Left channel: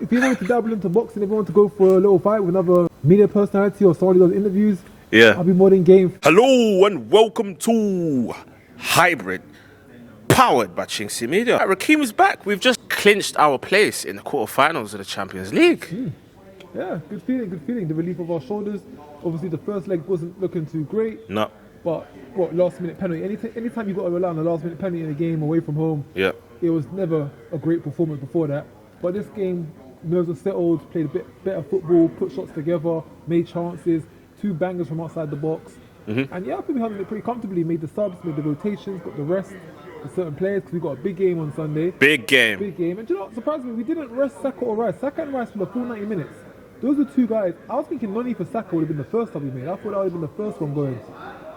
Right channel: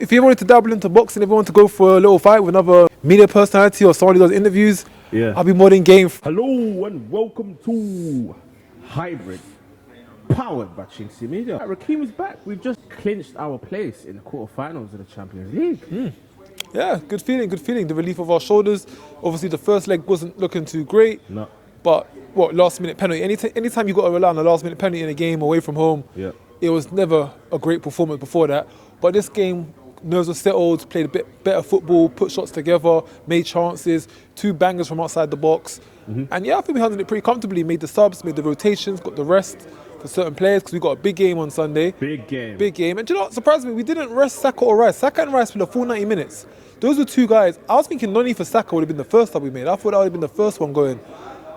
If you wanted to dabble into boxing, if you want to go for a little fight with another media personality or someone who does interviews, I'll be more than game. Hello and welcome to Hybrid, powered by chinkseyMEDIA. Rakeem is back. We've just clinched our place in the quarterfinals of the Champions League. Yeah, good feeling, good feeling. The relief of our shoulders. Obviously, the first leg wasn't looking too great. No. But what, last minute penalty? Anytime you got to rely on a last minute penalty in a game away from home, it was never a great performance before that. But this game, nerves were settled, played a bit better football, put shots together, made chances, 2 bangers from outside the box. And yeah, I think we handled it pretty comfortably. Made the subs, made the rotations, got the rest for certain players because we got a big game on Sunday. Big game. Big game. And do you know what surprised me? We didn't rest Saka or Rice. Saka and Rice for the full 90 minutes. Those were 2 guys. I was thinking Nwaneri for Saka would have been the first sub we made. I thought that would have been the first one going.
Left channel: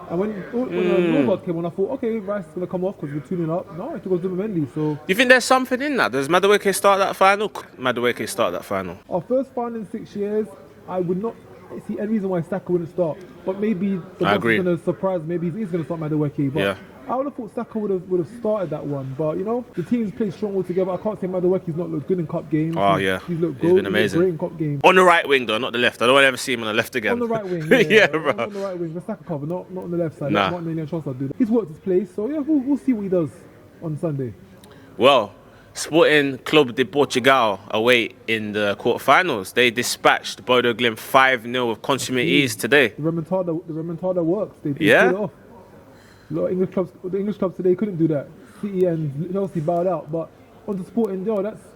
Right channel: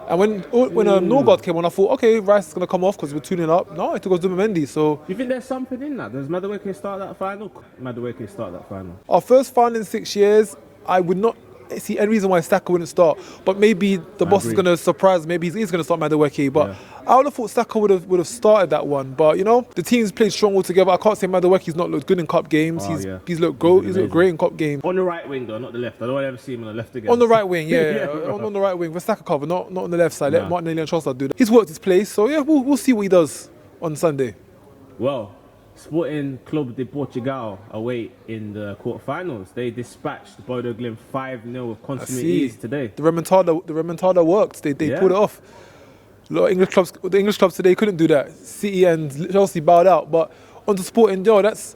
And when Norgard came on, I thought, okay, Rice is going to come off because we're tuning up. No, it took us to Mendy. So You think there's something in that? Does Madueke start that final? Madueke start that final. Our first final in 6 years, I would not see any reason why Saka wouldn't start. But maybe the boss is going to surprise. Maybe he's going to start Madueke. But I would have thought Saka would have started that one. But, you know, the team's played strong all together. I can't say Madueke's not looked good in cup games. He's looked great in cup games. On the right wing, though, not the left. I don't want to ever see him on the left again. On the right wing, on the right wing. With Saka cover, not on the left side. Let Martinelli and Trossard do that. He's worked his place. So, yeah, we'll see what he does on Sunday. Well, Sporting Club de Portugal away in the quarterfinals. They dispatched Bodo Glimt 5-0 with consummate ease today. The remontada worked. They pulled it off. A lot of the English clubs today couldn't do that. City and Chelsea bowed out. But on to Sporting, this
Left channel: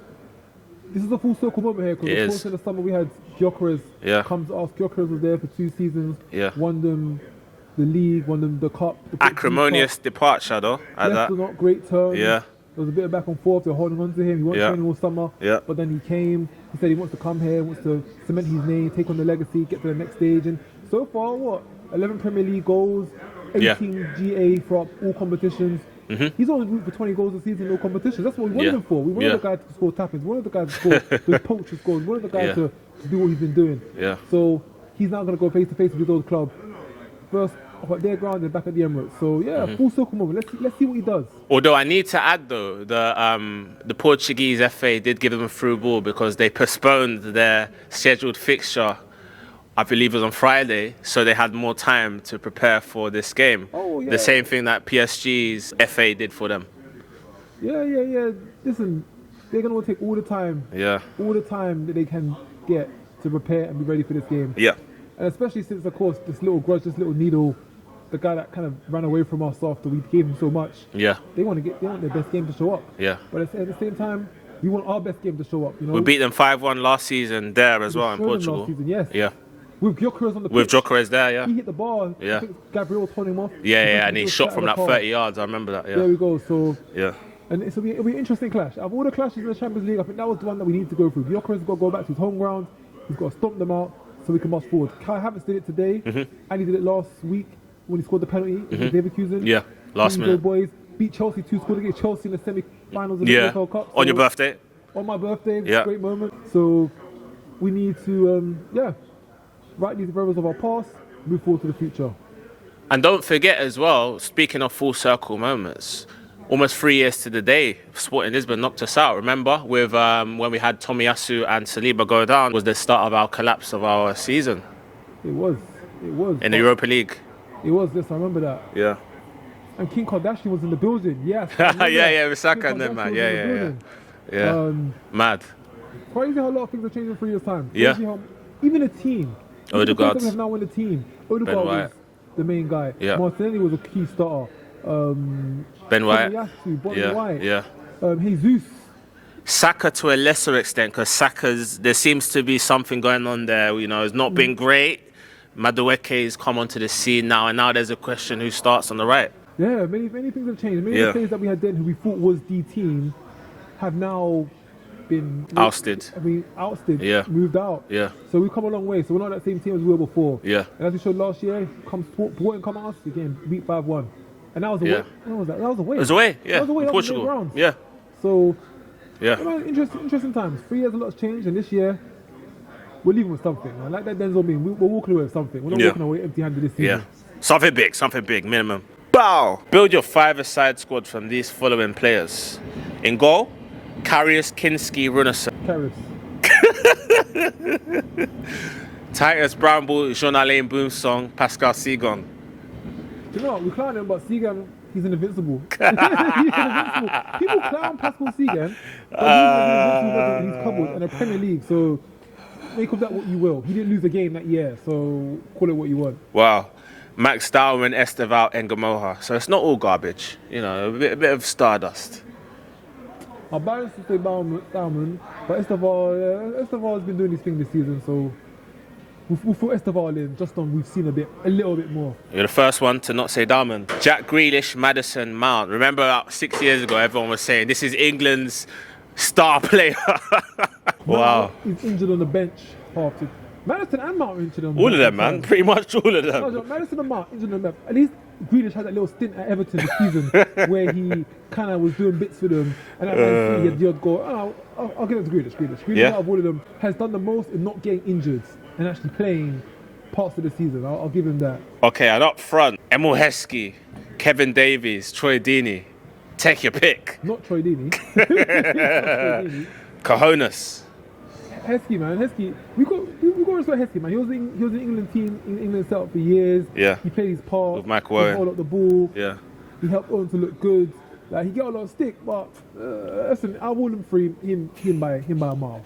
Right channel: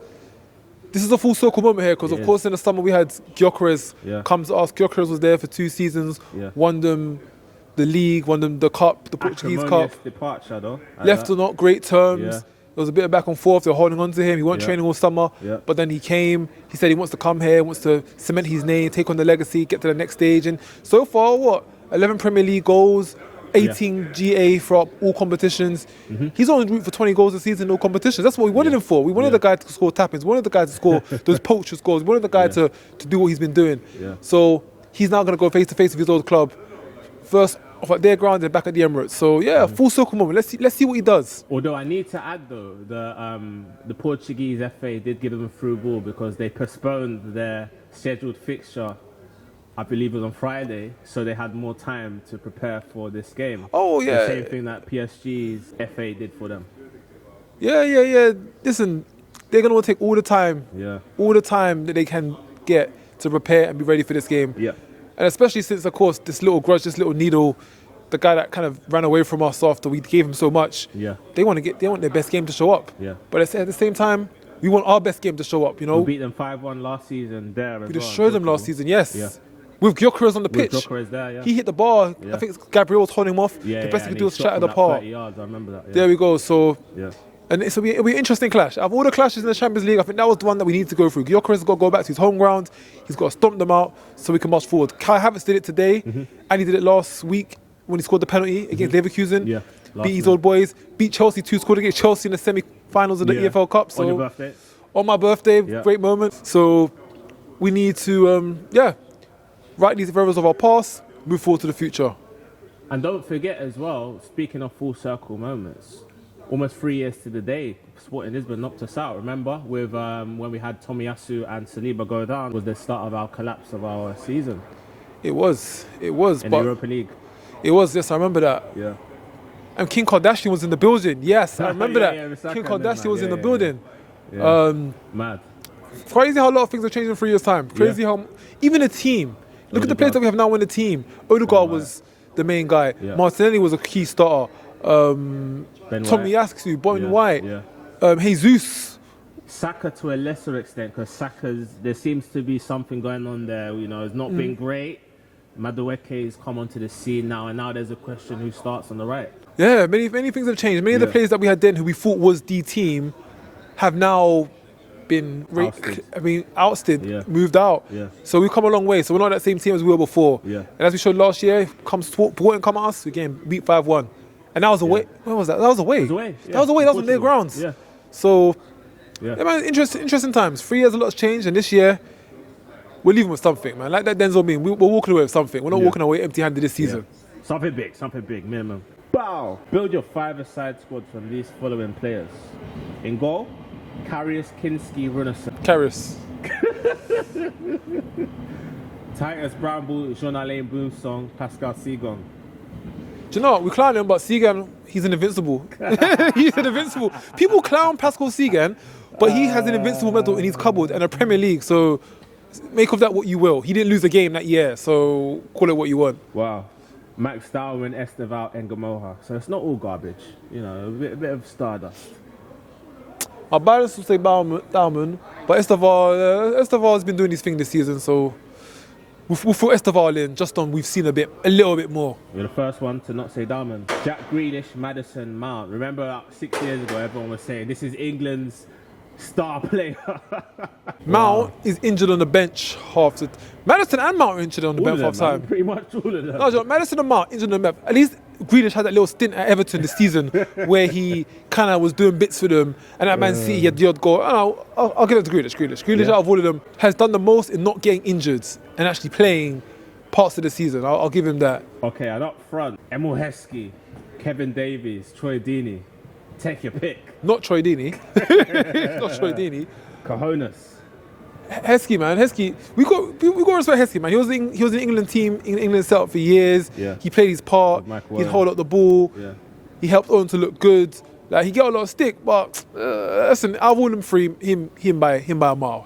is a full circle moment here because of course in the summer we had Gyökeres comes to us. Gyökeres was there for 2 seasons, won them the league, won them the cup, the Portuguese acrimonious cup. departure though. Left on not great terms. There was a bit of back and forth. They were holding on to him. He wasn't training all summer. But then he came. He said he wants to come here, wants to cement his name, take on the legacy, get to the next stage. And so far, 11 Premier League goals, 18 GA for all competitions. He's on route for 20 goals a season in all competitions. That's what we wanted him for. We wanted the guy to score tap-ins. We wanted the guy to score those poacher scores. We wanted the guy to do what he's been doing. So he's now going to go face-to-face with his old club. First off at their ground and back at the Emirates. So yeah, full circle moment. Let's see what he does. Although I need to add though, the Portuguese FA did give them a through ball because they postponed their scheduled fixture. I believe it was on Friday, so they had more time to prepare for this game. Oh, yeah. The same thing that PSG's FA did for them. Yeah. Listen, they're going to take all the time. All the time that they can get to prepare and be ready for this game. And especially since, of course, this little grudge, this little needle, the guy that kind of ran away from us after we gave him so much. They want their best game to show up. But at the same time, we want our best game to show up. You know, we beat them 5-1 last season there as well. We showed them last season, yes. With Gyökeres on the pitch. With Gyökeres there, He hit the bar. I think Gabriel was holding him off. And he shot from that 30 yards. I remember that. There we go. So and it'll be an interesting clash. Out of all the clashes in the Champions League, I think that was the one that we need to go through. Gyökeres has got to go back to his home ground. He's got to stomp them out so we can march forward. Kai Havertz did it today, and he did it last week when he scored the penalty against Leverkusen. Beat his old boys. Beat Chelsea 2, scored against Chelsea in the semi-finals of the EFL Cup. So on your birthday? On my birthday, great moment. So we need to, right these errors of our past, move forward to the future. And don't forget as well, speaking of full circle moments, almost 3 years to the day, Sporting Lisbon knocked us out. Remember, with when we had Tomiyasu and Saliba go down, was the start of our collapse of our season. It was. In the Europa League. It was, yes, I remember that. And Kim Kardashian was in the building, yes, I remember that. With Kim Kardashian was in the building. Mad. Crazy how a lot of things have changed in 3 years' time. Crazy how, even a team, look at the players that we have now in the team. Odegaard was the main guy. Martinelli was a key starter. Tomiyasu, Ben White, Jesus. Saka to a lesser extent, because there seems to be something going on there. You know, it's not been great. Madueke's come onto the scene now, and now there's a question who starts on the right. Yeah, many things have changed. Many of the players that we had then who we thought was the team have now been ousted. Moved out. So we've come a long way. So we're not that same team as we were before. And as we showed last year, Sporting come at us, again, beat 5-1. And that was away. Where was that? That was away. It was away. That was away. That was on their grounds. So, man, interesting times. 3 years, a lot has changed. And this year, we're leaving with something, man. Like that Denzel meme, we're walking away with something. We're not walking away empty-handed this season. Something big, minimum. Bow! Build your 5-a-side squad from these following players. In goal, Karius Kinski Runarsson. Karius. Titus Brownball, Jean-Alain Boom song, Pascal Segon. Do you know what? We clown him, but Segan, he's an invincible. He's an invincible. People clown Pascal Segan, but he has an invincible medal in his cupboard and a Premier League. So make of that what you will. He didn't lose a game that year, so call it what you want. Wow. Max Darwin, Esteval, and Gamoha. So it's not all garbage. You know, a bit of stardust. Our balance would say Darwin, but Esteval has been doing his thing this season, so we'll throw Esteval in just on we've seen a little bit more. You're the first one to not say Darwin. Jack Grealish, Maddison, Mount. Remember about 6 years ago, everyone was saying this is England's star player. Mount is injured on the bench half the Maddison and Mount are injured on the bench. All of them, man. Pretty much all of them. No, Maddison and Mount injured on the bench. At least Grealish had that little stint at Everton this season where he kind of was doing bits for them, and at Man City he had the odd goal. I'll give it to Grealish. Grealish out of all of them has done the most in not getting injured and actually playing parts of the season. I'll give him that. Okay, and up front, Emil Heskey, Kevin Davies, Troy Deeney. Take your pick. Not Troy Deeney. Not Troy Deeney. Cojones. Heskey, man. Heskey. We got to respect Heskey, man. He was in the England team, in England setup for years. Yeah. He played his part. With Mike He held up the ball. Yeah. He helped Owen to look good. Like, he got a lot of stick, but listen, I wouldn't free him by a mile.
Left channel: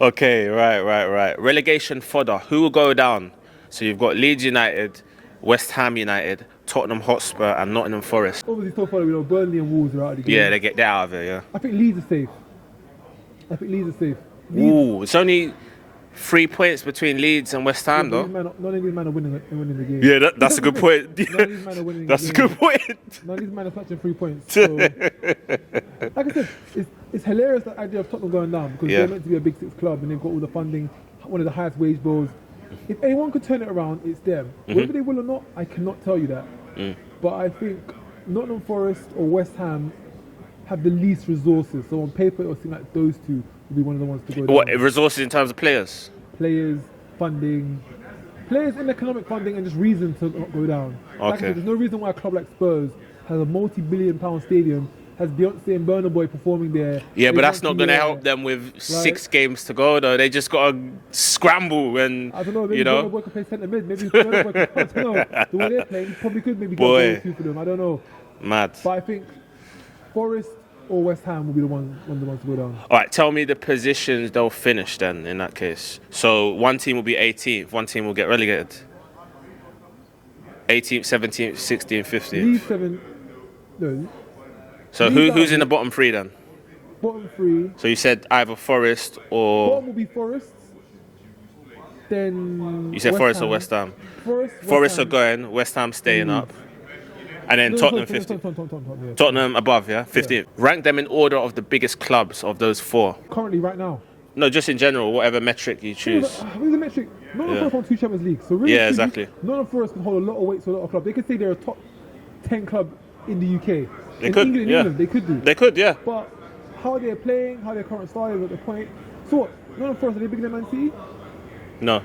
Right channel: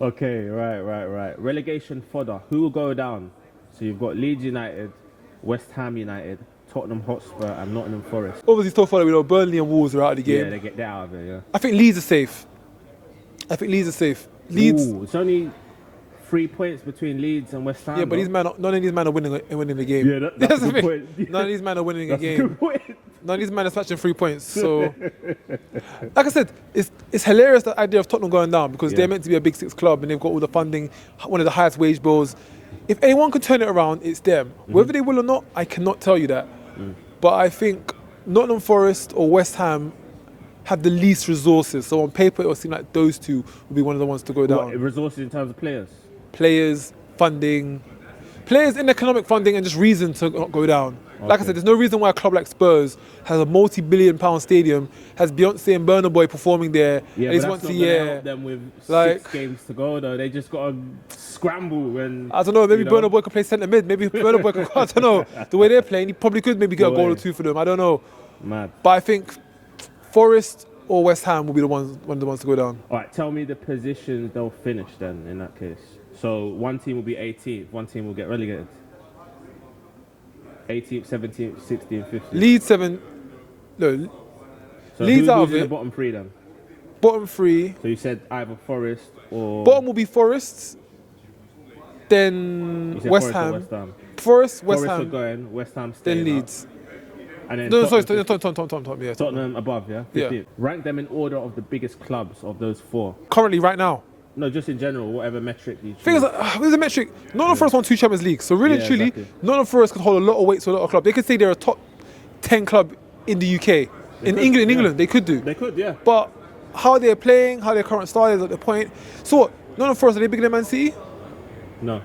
Okay, right. Relegation fodder. Who will go down? So you've got Leeds United, West Ham United, Tottenham Hotspur, and Nottingham Forest. Obviously, still follow. We know Burnley and Wolves are out of the game. Yeah, they get out of it. Yeah. I think Leeds are safe. Leeds. Ooh, it's only 3 points between Leeds and West Ham. Yeah, but none of these men are winning the game. Yeah, that's a good point. None of these men are winning the game. That's a good point. None of these men are snatching 3 points. So, like I said, it's hilarious the idea of Tottenham going down because they're meant to be a Big Six club and they've got all the funding, one of the highest wage bills. If anyone could turn it around, it's them. Whether they will or not, I cannot tell you that. But I think Nottingham Forest or West Ham have the least resources. So on paper, it will seem like those two will be one of the ones to go down. What, resources in terms of players? Players, funding, players in economic funding and just reason to not go down. Okay. Like I said, there's no reason why a club like Spurs has a multi-billion-pound stadium, has Beyonce and Burna Boy performing there. Yeah, but that's not going to help them with 6 games to go, though. They just got to scramble and, I don't know, maybe Burna Boy could play centre mid. Maybe Burna Boy could, I don't know. The way they're playing, he probably could maybe get a goal or two for them. I don't know. Mad. But I think Forest or West Ham will be one of the ones to go down. All right, tell me the positions they'll finish then in that case. So one team will be 18th, one team will get relegated. 18th, 17th, 16th, 15th. Leeds 7. No. So who's in the bottom 3 then? Bottom 3. So you said either Forest or... Bottom will be Forest. Then you said West Forest Ham. or West Ham? Forest are going, West Ham staying up. And then Tottenham above, yeah? 15th. Yeah. Rank them in order of the biggest clubs of those 4. Currently, right now? No, just in general, whatever metric you choose. There's a metric. Nottingham Forest won 2 Champions Leagues. So really, truly, exactly. Nottingham Forest could hold a lot of weight to a lot of clubs. They could say they're a top 10 club in the UK. England, they could do. They could, yeah. But how they're playing, how their current style is at the point. So what? Nottingham Forest, are they bigger than Man City? No.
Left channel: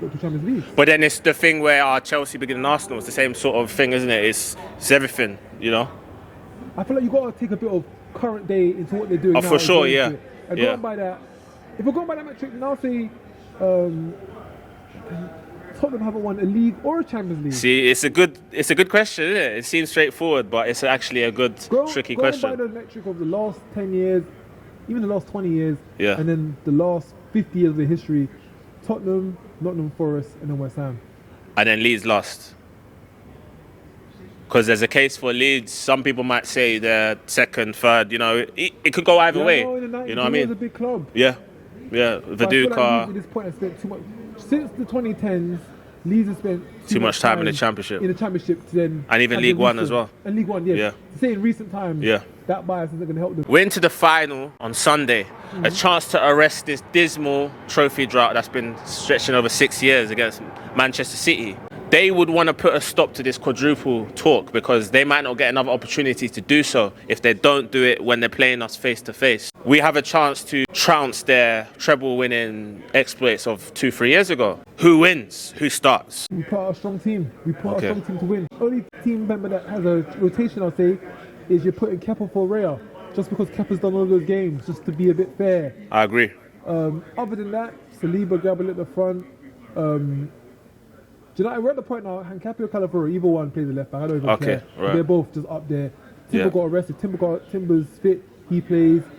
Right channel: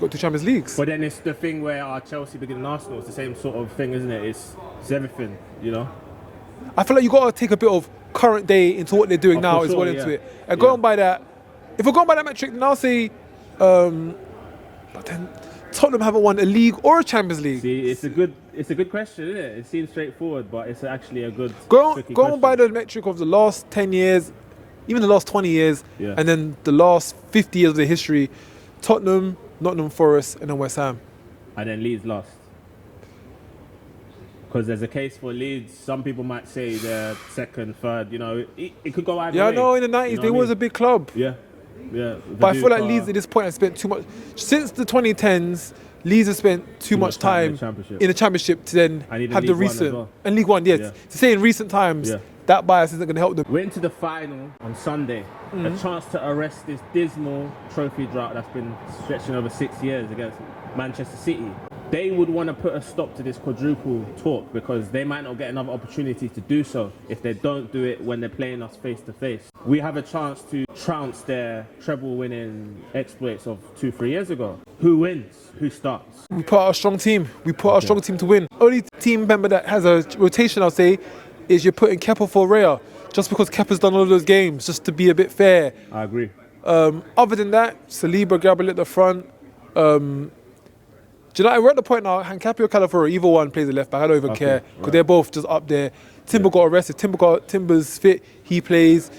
Got 2 Champions Leagues. But then it's the thing where Chelsea bigger than Arsenal. It's the same sort of thing, isn't it? It's everything, you know? I feel like you got to take a bit of current day into what they're doing now. For sure, yeah. And going by that, if we're going by that metric, then I'll say, but then Tottenham haven't won a league or a Champions League. See, it's a good question, isn't it? It seems straightforward, but it's actually a good, tricky question. Going by the metric of the last 10 years, even the last 20 years, and then the last 50 years of the history, Tottenham, Nottingham Forest, and then West Ham. And then Leeds lost. Because there's a case for Leeds. Some people might say they're second, third. You know, it could go either way. Yeah, no, in the 90s, they was a big club. Yeah, yeah. But I feel like Leeds at this point have spent too much. Since the 2010s, Leeds have spent too much time in the Championship. To then and even League One as well. And League One, To say in recent times, that bias isn't going to help them. We're into the final on Sunday. A chance to arrest this dismal trophy drought that's been stretching over 6 years against Manchester City. They would want to put a stop to this quadruple talk because they might not get another opportunity to do so if they don't do it when they're playing us face to face. We have a chance to trounce their treble-winning exploits of 2-3 years ago. Who wins? Who starts? We put out a strong team. We put out a strong team to win. Only team member that has a rotation, I'll say, is you're putting Kepa for Raya. just because Kepa's done all of those games, just to be a bit fair. I agree. Other than that, Saliba, Gabriel at the front. Do you know, we're at the point now, Hankapi or Calafiori, either one plays the left back. I don't even care. Right. They're both just up there. Timber got arrested. Timber's fit. He plays.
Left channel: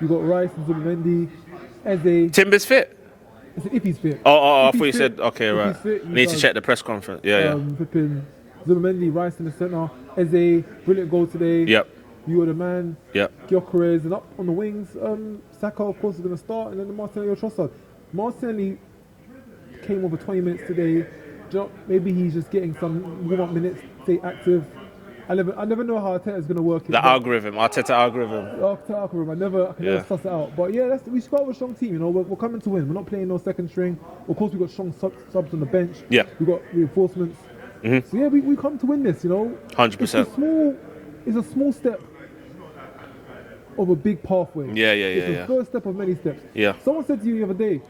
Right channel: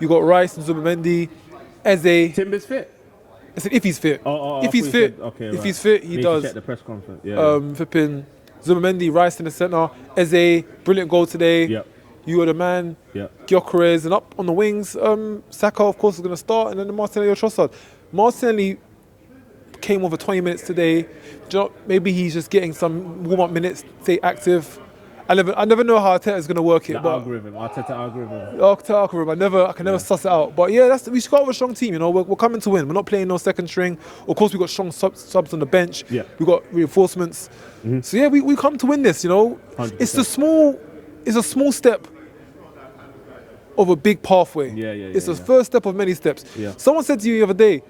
You got Rice and Zubimendi. Eze. Timber's fit? I said if he's fit. I thought you said, if he's fit, he needs does. to check the press conference. Flipping Zubimendi, Rice in the centre. Eze, brilliant goal today. Yep. You are the man. Yep. Gyökeres, and up on the wings, Saka, of course, is going to start, and then the Martinelli or Trossard. Martinelli came over 20 minutes today. Do you know, maybe he's just getting some warm-up minutes, stay active. I never know how Arteta is going to work it. The algorithm, Arteta algorithm. Arteta algorithm, I can never suss it out. But yeah, we should go with a strong team, you know. We're coming to win. We're not playing no second string. Of course, we've got strong subs on the bench. Yeah. We've got reinforcements. So yeah, we come to win this, you know. 100%. It's a small step of a big pathway. It's the first step of many steps. Yeah. Someone said to you the other day,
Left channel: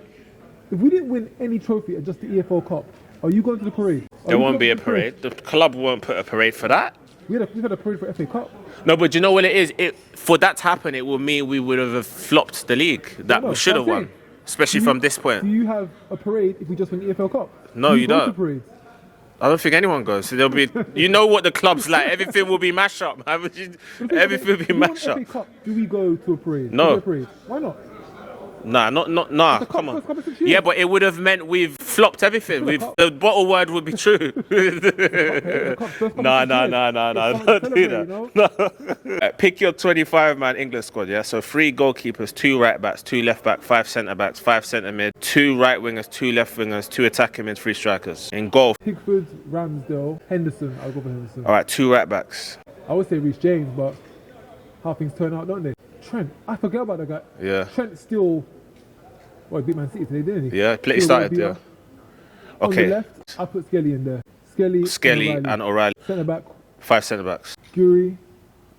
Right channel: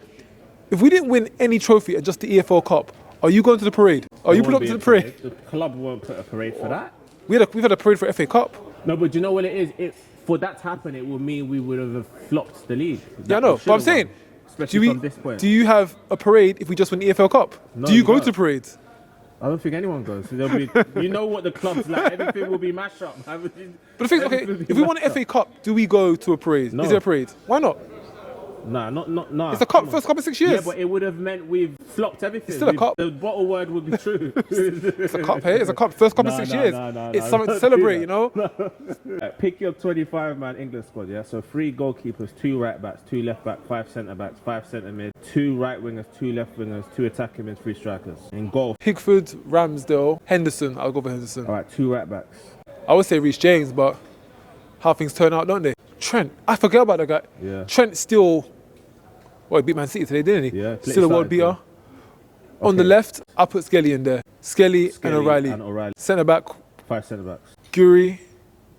if we didn't win any trophy at just the EFL Cup, are you going to the parade? There won't be a parade. The club won't put a parade for that. We've had a parade for FA Cup. No, but you know what it is? For that to happen, it would mean we would have flopped the league. That we should have won, especially from this point. Do you have a parade if we just win the EFL Cup? No, do you go to parades? I don't think anyone goes. So there'll be, you know what the club's like. Everything will be mash up. Everything will be if we won an FA Cup, do we go to a parade? No. Is there a parade? Why not? Nah. It's the cup, first cup in 6 years. Yeah, but it would have meant we've flopped everything. The bottle word would be true. It's a cup, hey? It's a cup, first cup in 6 years. It's something to celebrate, you know? Pick your 25-man England squad, yeah? So 3 goalkeepers, 2 right-backs, 2 left-backs, 5 centre-backs, 5 centre-mid, 2 right-wingers, 2 left-wingers, 2 attacking mid, 3 strikers. In goal, Pickford, Ramsdale, Henderson. I'll go for Henderson. All right, 2 right-backs. I would say Reece James, but how things turn out, don't they? Trent, I forget about that guy. Yeah. Trent still, he beat Man City today, didn't he? Yeah, still started, yeah. On the left, I put Skelly in there. Skelly and O'Reilly. Centre back. 5 centre backs. Guri.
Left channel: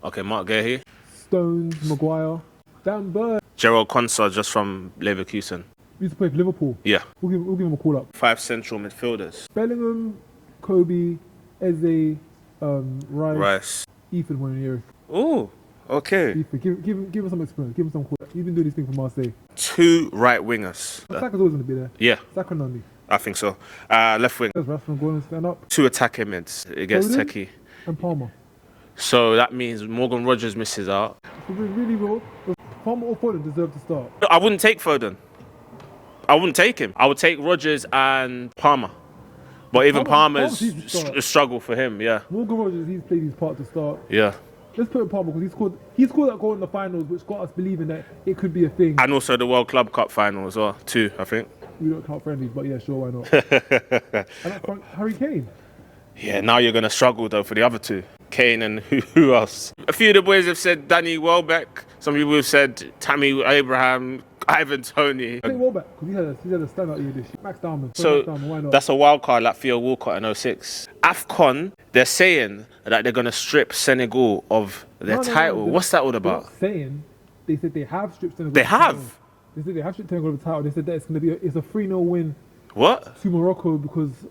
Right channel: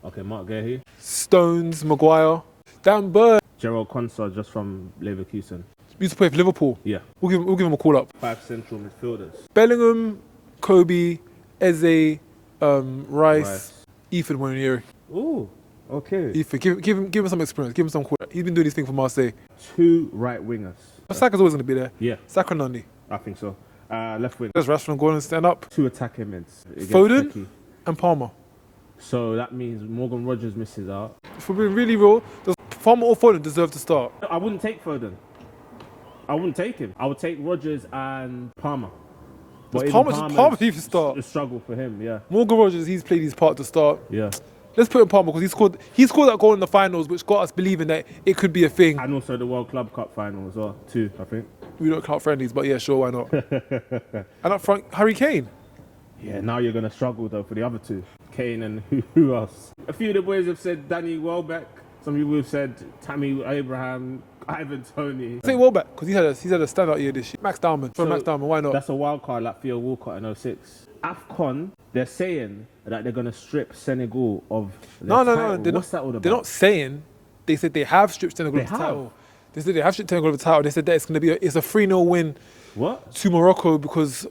Okay, Mark Gahey. Stones, Maguire. Dan Burn. Gerald Konsa just from Leverkusen. He used to play for Liverpool. Yeah. We'll give him a call up. 5 central midfielders. Bellingham, Kobe, Eze, Rice, Ethan Nwaneri. Ooh. Okay. Ethan, give him some experience. Give him some call. He's been doing these things for Marseille. 2 right wingers. Saka's always going to be there. Yeah. Saka Nani. I think so. Left wing. Does Rashford go and stand up? 2 attacking mids against Foden Techie. And Palmer. So that means Morgan Rogers misses out. If we're being really real, does Palmer or Foden deserve to start? I wouldn't take Foden. I wouldn't take him. I would take Rogers and Palmer. But even Palmer's a struggle for him, yeah. Morgan Rogers, he's played his part to start. Yeah. Let's put in Palmer because he scored that goal in the finals, which got us believing that it could be a thing. And also the World Club Cup final as well, too, I think. We don't count friendlies, but yeah, sure, why not? And up front, Harry Kane. Yeah, now you're going to struggle, though, for the other 2. Kane and who else? A few of the boys have said Danny Welbeck. Some people have said Tammy Abraham, Ivan Toney. I think Welbeck, because he had a standout year this year. Max Dowman. Max Dowman, why not? That's a wild card like Theo Walcott in 06. AFCON, they're saying that they're going to strip Senegal of their title. What's that all about? They're not saying. They said they have stripped Senegal of the title. They said they have stripped Senegal of the title. They said that it's going to be it's a 3-0 win. What? To Morocco because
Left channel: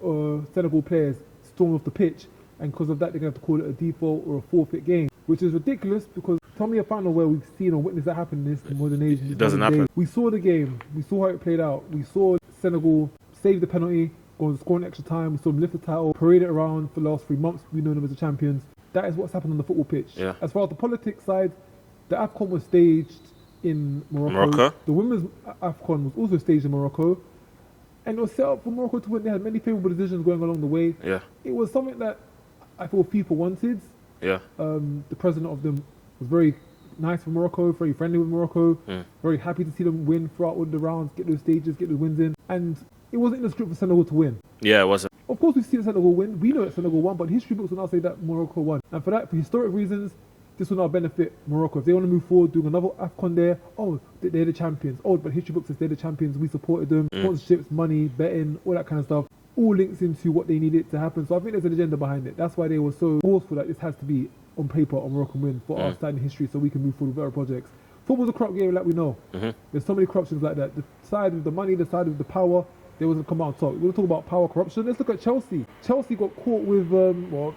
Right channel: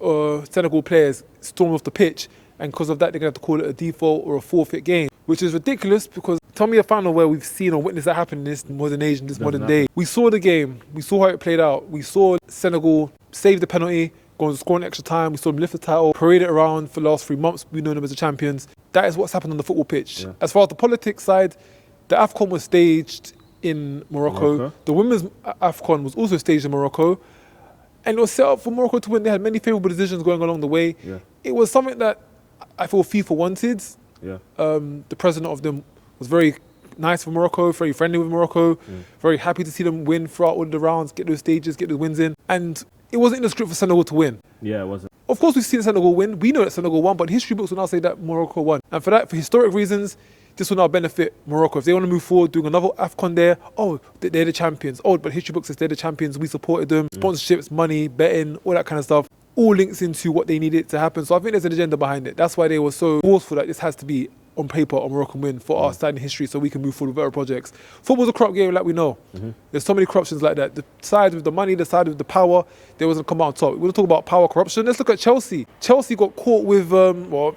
Senegal players stormed off the pitch, and because of that they're going to have to call it a default or a forfeit game, which is ridiculous because tell me a final where we've seen or witnessed that happen in this modern age, in this modern day. We saw the game, we saw how it played out, we saw Senegal save the penalty, go and score in extra time, we saw them lift the title, parade it around for the last 3 months, we know them as the champions. That is what's happened on the football pitch. Yeah. As far as the politics side, the AFCON was staged in Morocco. The women's AFCON was also staged in Morocco. And it was set up for Morocco to win. They had many favourable decisions going along the way. Yeah. It was something that I feel FIFA wanted. Yeah. The president of them was very nice for Morocco, very friendly with Morocco, very happy to see them win throughout all the rounds, get those stages, get those wins in. And it wasn't in the script for Senegal to win. Yeah, it wasn't. Of course, we've seen Senegal win. We know that Senegal won, but history books will now say that Morocco won. And for that, for historic reasons, this will now benefit Morocco. If they want to move forward, doing another AFCON there, they're the champions. But history books says they're the champions. We supported them. Sponsorships, money, betting, all that kind of stuff. All links into what they needed to happen. So I think there's an agenda behind it. That's why they were so forceful that this has to be on paper a Moroccan win for our standing history so we can move forward with better projects. Football's a corrupt game like we know. There's so many corruptions like that. The side with the money, the side with the power, they wasn't come out on top. We're going to talk about power corruption. Let's look at Chelsea. Chelsea got caught with,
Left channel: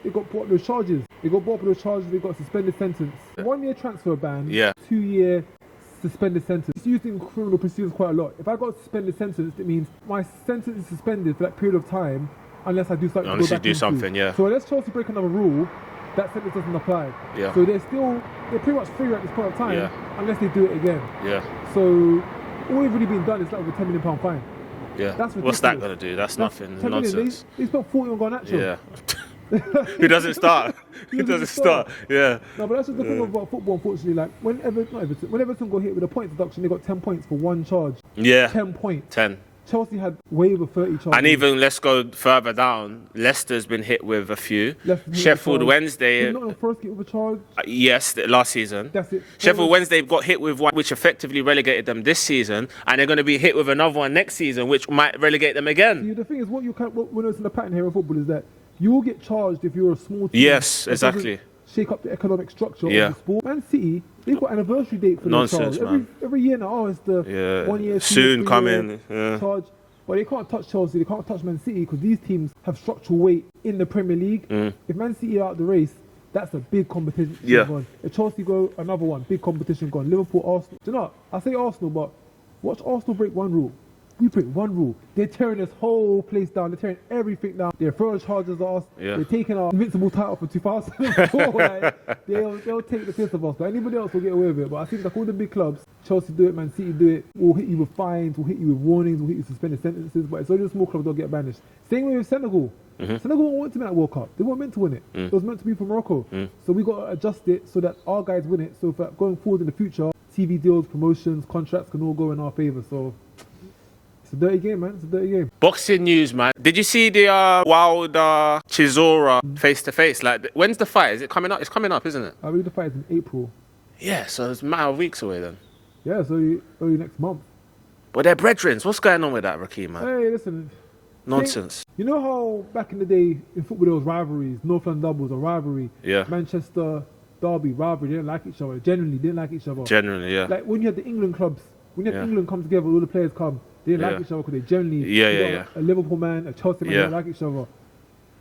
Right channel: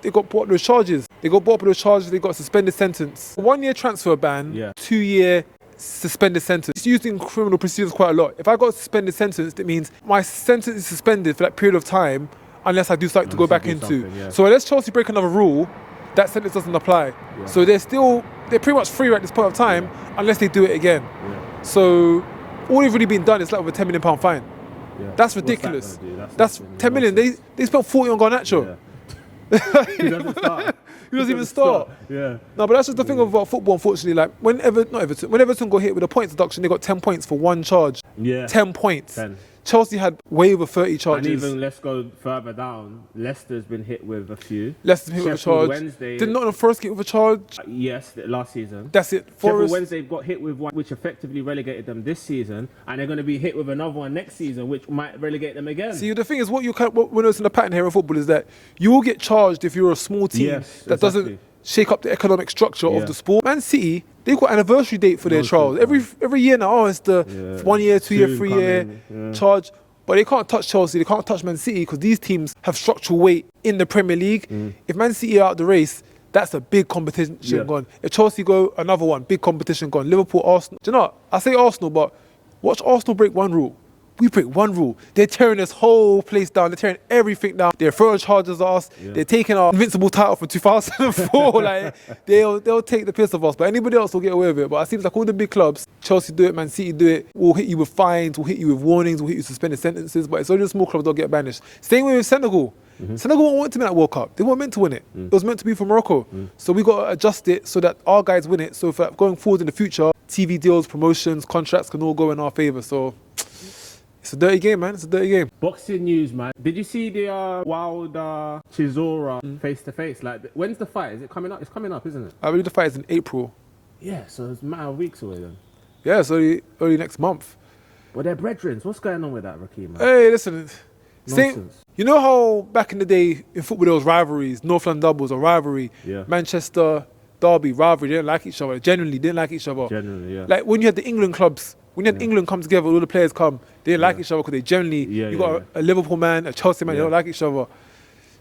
they got brought up with charges. They got brought up with charges, they got a suspended sentence. 1 year transfer ban, 2 year suspended sentence. It's used in criminal proceedings quite a lot. If I got a suspended sentence, it means my sentence is suspended for that period of time unless I do something to go back into. So unless Chelsea break another rule, that sentence doesn't apply. So they're pretty much free at this point of time unless they do it again. So all they've really been done is like with a £10 million fine. That's ridiculous. What's that gonna do? That's nothing. 10 million. They spent 40 on Garnacho. Who doesn't start? Who doesn't even start? No, but that's just the thing about football, unfortunately. Like when Everton got hit with a point deduction, they got 10 points for one charge. 10 points. 10. Chelsea had way over 30 charges. And even, let's go further down, Leicester's been hit with a few. Sheffield Wednesday. Did Nottingham Forest get with a charge? Yes, last season. That's it. Sheffield Wednesday got hit with one which effectively relegated them this season, and they're going to be hit with another one next season which might relegate them again. See, the thing is, what we're noticing the pattern here in football is that you will get charged if you're a small team. Yes, exactly. Shake up the economic structure of the sport. Man City, they've got anniversary date for their trials. Every year now, it's the 1 year, 2 year, 3 year charge. But they can't touch Chelsea, they can't touch Man City because these teams have structural weight in the Premier League. If Man City are out the race, that's a big competition gone. If Chelsea go, another one, big competition gone. Liverpool, Arsenal. Do you know what? I say Arsenal, but watch Arsenal break one rule. We break one rule. They're tearing this whole place down. They're tearing everything down. They're throwing charges at us. They're taking our invincible title from 2004. Like, they'll take the piss of us, but anybody else will get away with it. But it seems like all the big clubs, Chelsea do it, Man City do it, we'll hit you with fines, we'll hit you with warnings, we'll hit you with suspended sentences, but it's only the small clubs that get banished. Same way with Senegal. Senegal won't want to win that World Cup. They weren't meant to win it. It was meant to be for Morocco. So we got to adjust it so that our guys win it. So for going forward in the future, TV deals, promotions, contracts can all go in our favour. So it's a dirty game, man. It's a dirty game. Boxing news, man. Did you see the Wilder Chisora face-to-face? Like, when's the fight? Is it coming up? It's coming up, isn't it? I believe the fight is in April. Yeah, so it's a matter of weeks away then. Yeah, it's early next month. But they're brethren. What's going on with that, Rakeem, man? Hey, listen. Nonsense. You know how back in the day in football there was rivalries? North London doubles, a rivalry. Manchester Derby, rivalry. They didn't like each other. Genuinely didn't like each other. Generally, yeah. Like when you had the England clubs, when you had England come together, all the players come, they didn't like each other because they generally, you got a Liverpool man, a Chelsea man, they don't like each other.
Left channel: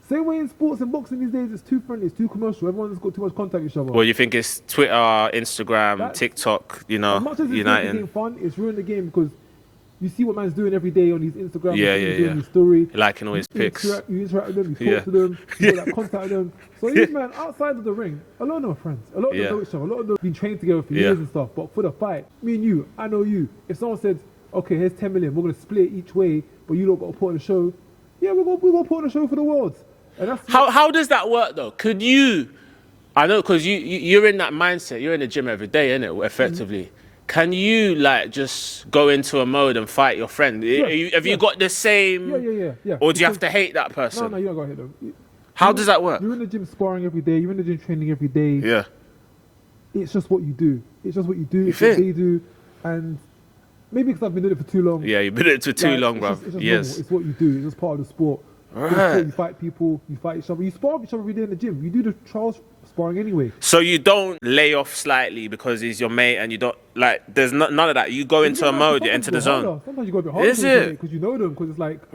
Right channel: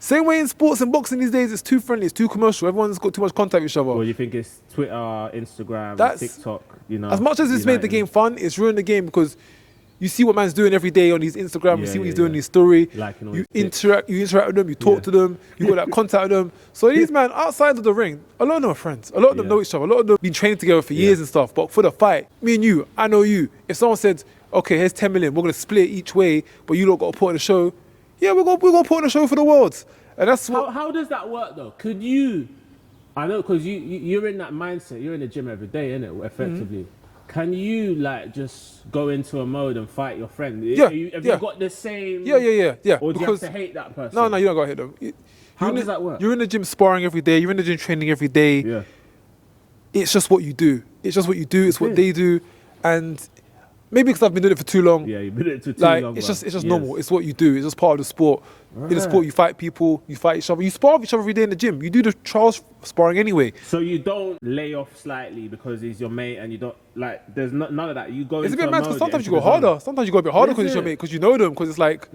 Same way in sports and boxing these days, it's too friendly, it's too commercial. Everyone's got too much contact with each other. Well, you think it's Twitter, Instagram, TikTok, you know. As much as it's made the game fun, it's ruined the game because you see what man's doing every day on his Instagram, you see what he's doing his story. Liking all his pics. You interact with them, you talk to them, you got that contact with them. So these men outside of the ring, a lot of them are friends. A lot of them know each other. A lot of them been training together for years and stuff. But for the fight, me and you, I know you. If someone said, okay, here's 10 million, we're going to split each way, but you lot got to put on a show. Yeah, we're going to put on a show for the world. And that's how does that work though? Could you, I know because you're in that mindset, you're in the gym every day, innit, effectively. Can you like just go into a mode and fight your friend? Have you got the same? Yeah. Or do you have to hate that person? No, you don't got to hate them. How does that work? You're in the gym sparring every day. You're in the gym training every day. Yeah. It's just what you do. It's just what you do. It's what they do. And maybe because I've been doing it for too long. Yeah, you've been doing it for too long, bro. It's just normal. It's what you do. It's just part of the sport. In the sport, you fight people, you fight each other. You spar with each other every day in the gym. You do the trials sparring anyway. So you don't lay off slightly because he's your mate and you don't, like, there's none of that. You go into a mode, into the zone. Sometimes you go a bit harder because you're your mate, because you know them, because it's like,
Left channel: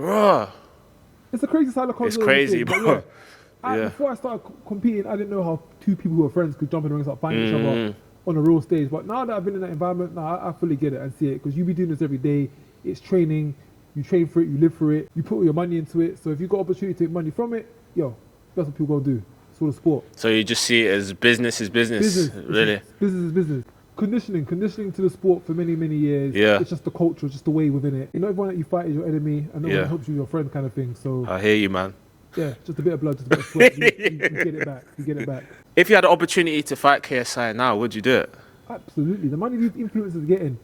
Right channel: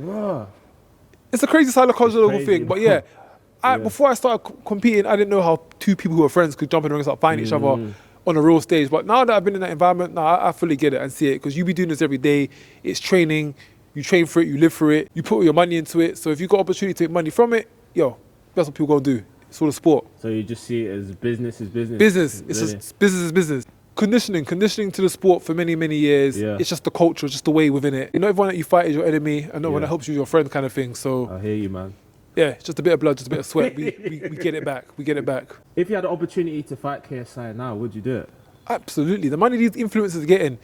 it's a crazy psychological thing. But yeah, before I started competing, I didn't know how two people who are friends could jump in the ring and start fighting each other on a real stage. But now that I've been in that environment, I fully get it and see it, because you be doing this every day. It's training. You train for it, you live for it, you put all your money into it. So if you've got opportunity to make money from it, that's what people gonna do. It's all a sport. So you just see it as business is business. Business. Really? Business is business. Conditioning to the sport for many, many years. Yeah. It's just the culture, it's just the way within it. Not everyone that you fight is your enemy, and not everyone that helps you is your friend kind of thing. So I hear you, man. Yeah, just a bit of blood, just a bit of sweat. we get it back. We get it back. If you had the opportunity to fight KSI now, would you do it? Absolutely. The money these influencers are getting,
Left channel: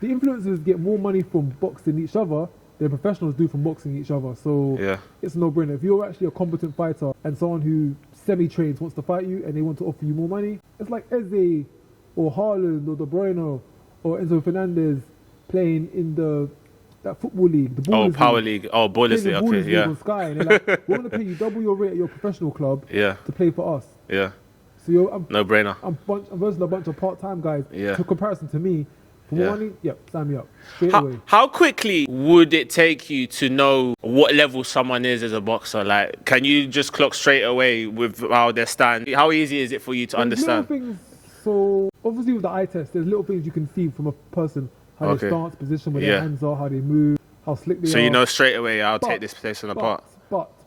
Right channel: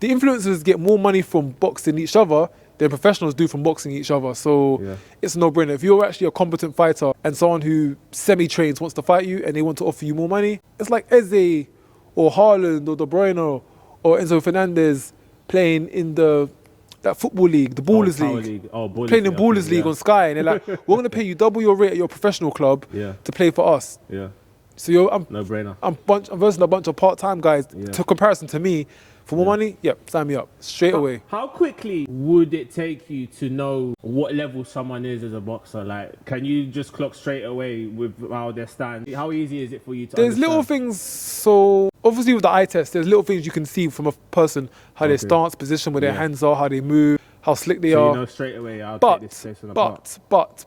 the influencers get more money from boxing each other than professionals do from boxing each other. So it's a no-brainer. If you're actually a competent fighter and someone who semi-trains wants to fight you and they want to offer you more money, it's like Eze or Haaland or De Bruyne or Enzo Fernandez playing in that football league, the Ballers League. Oh, Ballers League. Playing the Ballers League on Sky. And they're like, we're going to pay you double your rate at your professional club to play for us. Yeah. So I'm no-brainer. I'm versing a bunch of part-time guys. Yeah. To comparison to me, for more money, yep, sign me up straight away. How quickly would it take you to know what level someone is as a boxer? Like, can you just clock straight away with how they stand? How easy is it for you to understand? There's little things. So obviously with the eye test, there's little things you can see from a person, how they stance, position, where their hands are, how they move, how slick they are. So you know straight away, I'll take this station apart. But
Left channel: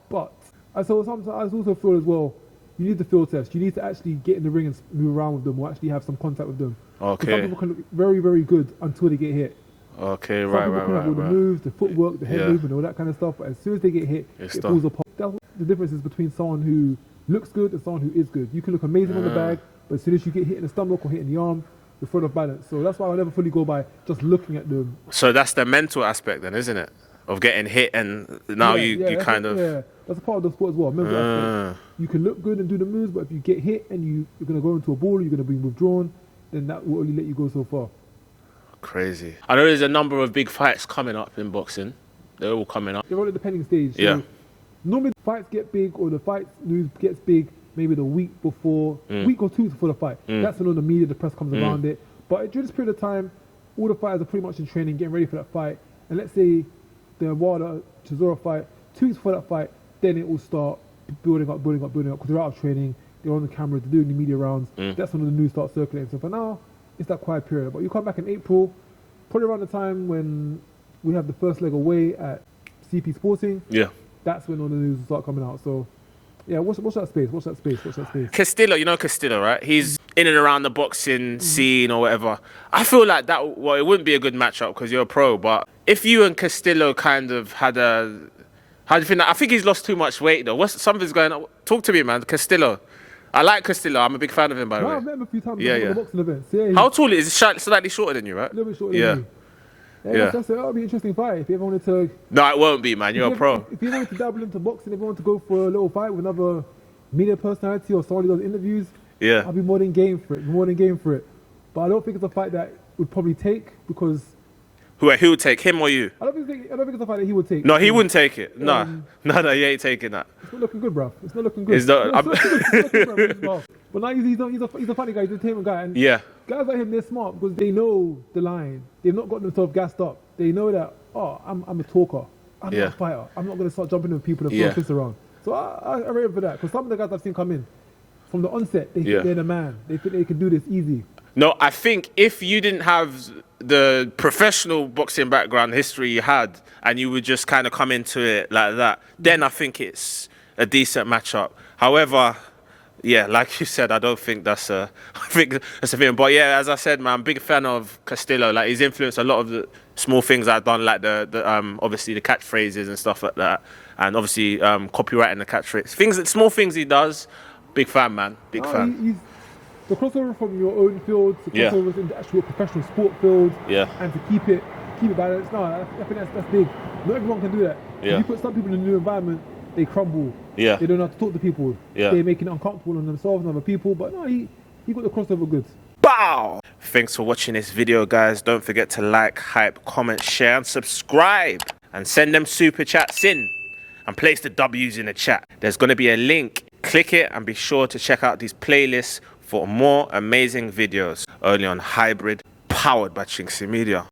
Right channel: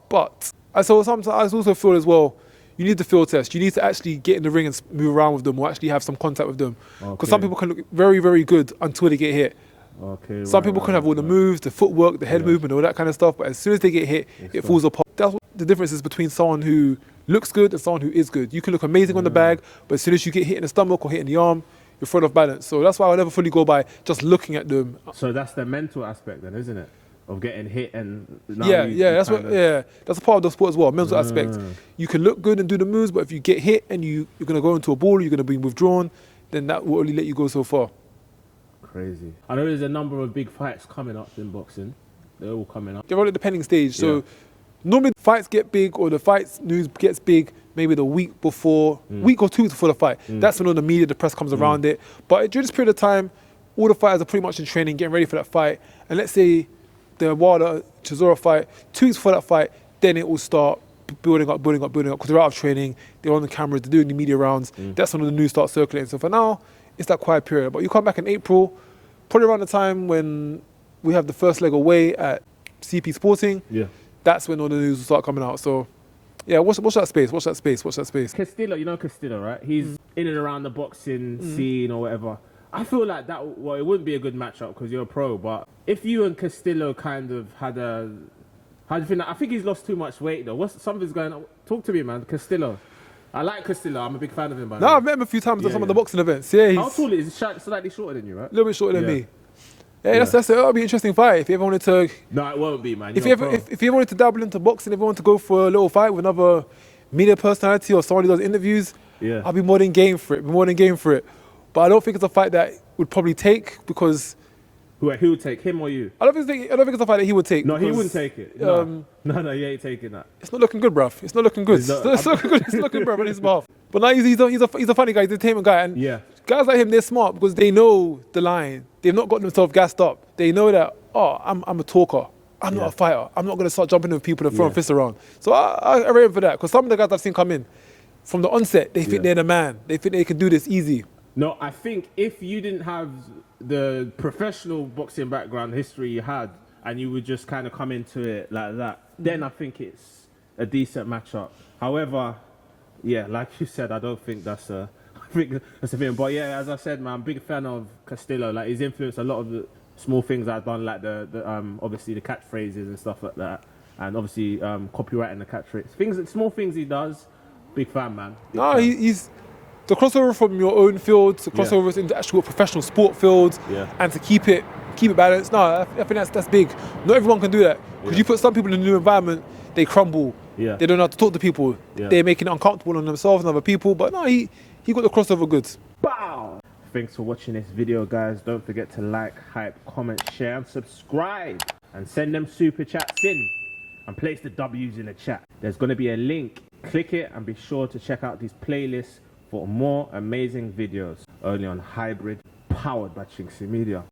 I also feel as well, you need the field test. You need to actually get in the ring and move around with them, or actually have some contact with them. Because some people can look very, very good until they get hit. Okay, Some people can have all the moves, the footwork, the head movement, all that kind of stuff. But as soon as they get hit, it falls apart. That's what the difference is between someone who looks good and someone who is good. You can look amazing on the bag, but as soon as you get hit in the stomach or hit in the arm, you're thrown off balance. So that's why I never fully go by just looking at them. So that's the mental aspect then, isn't it? Of getting hit, and now you kind of... Yeah, that's a part of the sport as well, mental aspect. You can look good and do the moves, but if you get hit and you're going to go into a ball, you're going to be withdrawn, then that will only let you go so far. Crazy. I know there's a number of big fights coming up in boxing. They're all coming up. They're all at the pending stage. So normally fights get big, or the fights news gets big maybe the week before, week or two before the fight. That's when all the media, the press comes around it. But during this period of time, all the fighters are pretty much in training, getting ready for that fight. And let's say the Wilder Chisora fight, 2 weeks before that fight, then it will start building up, because they're out of training, they're on the cameras, they're doing the media rounds. That's when the news starts circulating. So for now, it's that quiet period. But you come back in April, probably around the time when we have the first leg away at CP Sporting. Yeah. That's when all the news will start coming out. So yeah, watch that space, watch that space. Castillo, you know Castillo, right? He's in and around the boxing scene or whatever. I feel like that, well, it wouldn't be a good matchup because you're a pro, but if you and Castillo kind of had a, how do you think that? I think he's lost too much weight though. Something's going on? Talk to me, man. Castillo. I like Castillo. I'm a big fan of him, by the way. I've met him a few times at some of the boxing events. Yeah, how tall is he? Slightly shorter than you, right? A little bit shorter than me. Yeah, that'll be an interesting fight if you ever wanted to. No, it won't be, man. You're a pro. If you ever wanted to dabble into boxing, if you wanted to go for a little fight with another media personality or someone who does interviews, I'll be more than game for it. But I don't think it's a fight that would probably take, because... Who would take, him or you? I don't think it's a fight that he would take. No, he wouldn't take it. No, he ain't taking that. It's not looking good, bruv. It's not looking good. It's not looking bruv in his mouth. But now he's a funny guy, he's an entertainment guy. And guys like him, they're smart because they know the line. They've not got themselves gassed up. They know that, I'm a talker. I'm not a fighter. I'm not going to start jumping with people and throwing fists around. So I rate him for that, because some of the guys I've seen come in, from the onset, they think they're the man. They think they can do this easy. No, I think if you didn't have the professional boxing background history you had, and you would just kind of come into it like that, then I think it's a decent matchup. However, yeah, like you said, I don't think that's a thing. But yeah, as I said, man, I'm a big fan of Castillo. Like, he's influenced a lot of the small things I've done, like the obviously the catchphrases and stuff like that, and obviously copywriting the catchphrases. Small things he does. Big fan, man. Big fan. He's the crossover from your own field to crossovers into actual professional sport fields, and to keep it balanced. No, I think that's big. Not everyone can do that. Because you put some people in a new environment, they crumble. They don't know how to talk to people. They're making it uncomfortable on themselves and other people. But no, he got the crossover goods. Bow! Thanks for watching this video, guys. Don't forget to like, hype, comment, share, and subscribe. And send them super chats in. And place the W's in the chat. There's going to be a link. Click it and be sure to check out these playlists for more amazing videos. Only on Hybrid, powered by chinkseyMEDIA.